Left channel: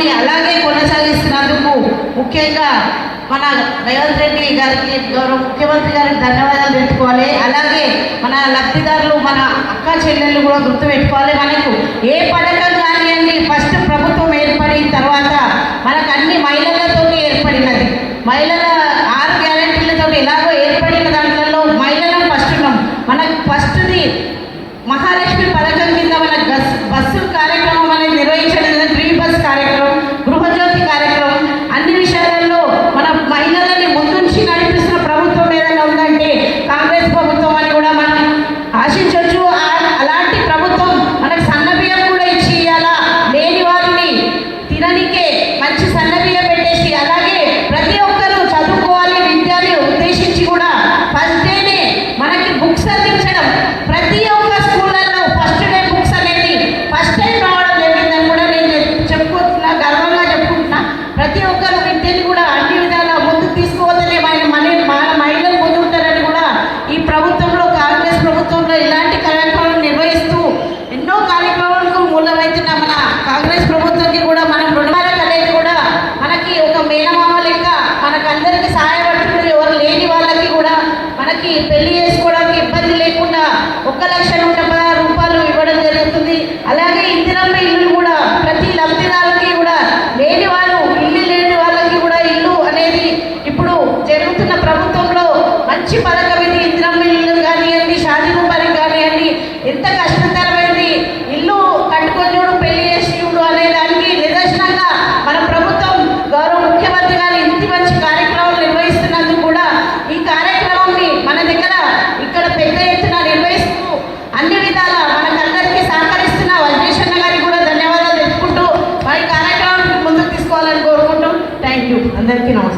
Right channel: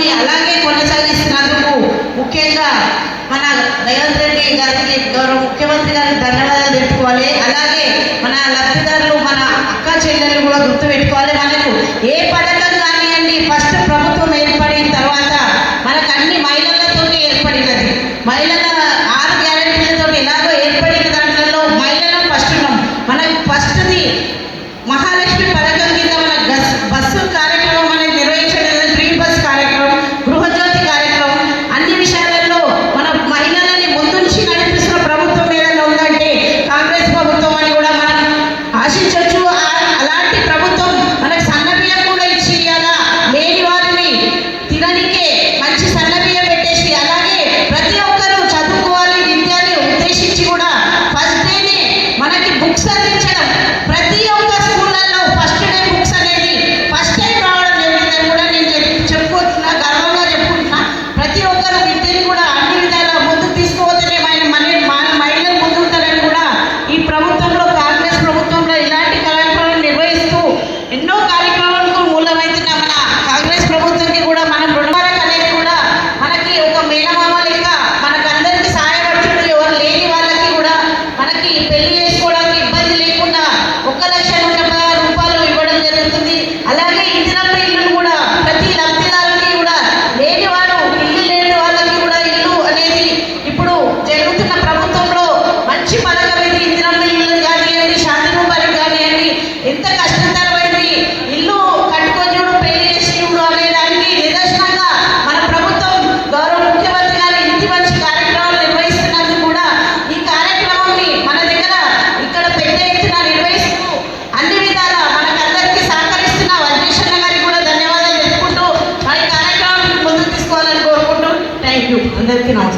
పద్ధతుల్ని అలాగే కొనసాగిస్తున్నందుకు ముఖ్యంగా మన రేవంత్ రెడ్డి గారికి గౌరవ ముఖ్యమంత్రి గారికి ధన్యవాదాలు. అందరికీ నమస్కారం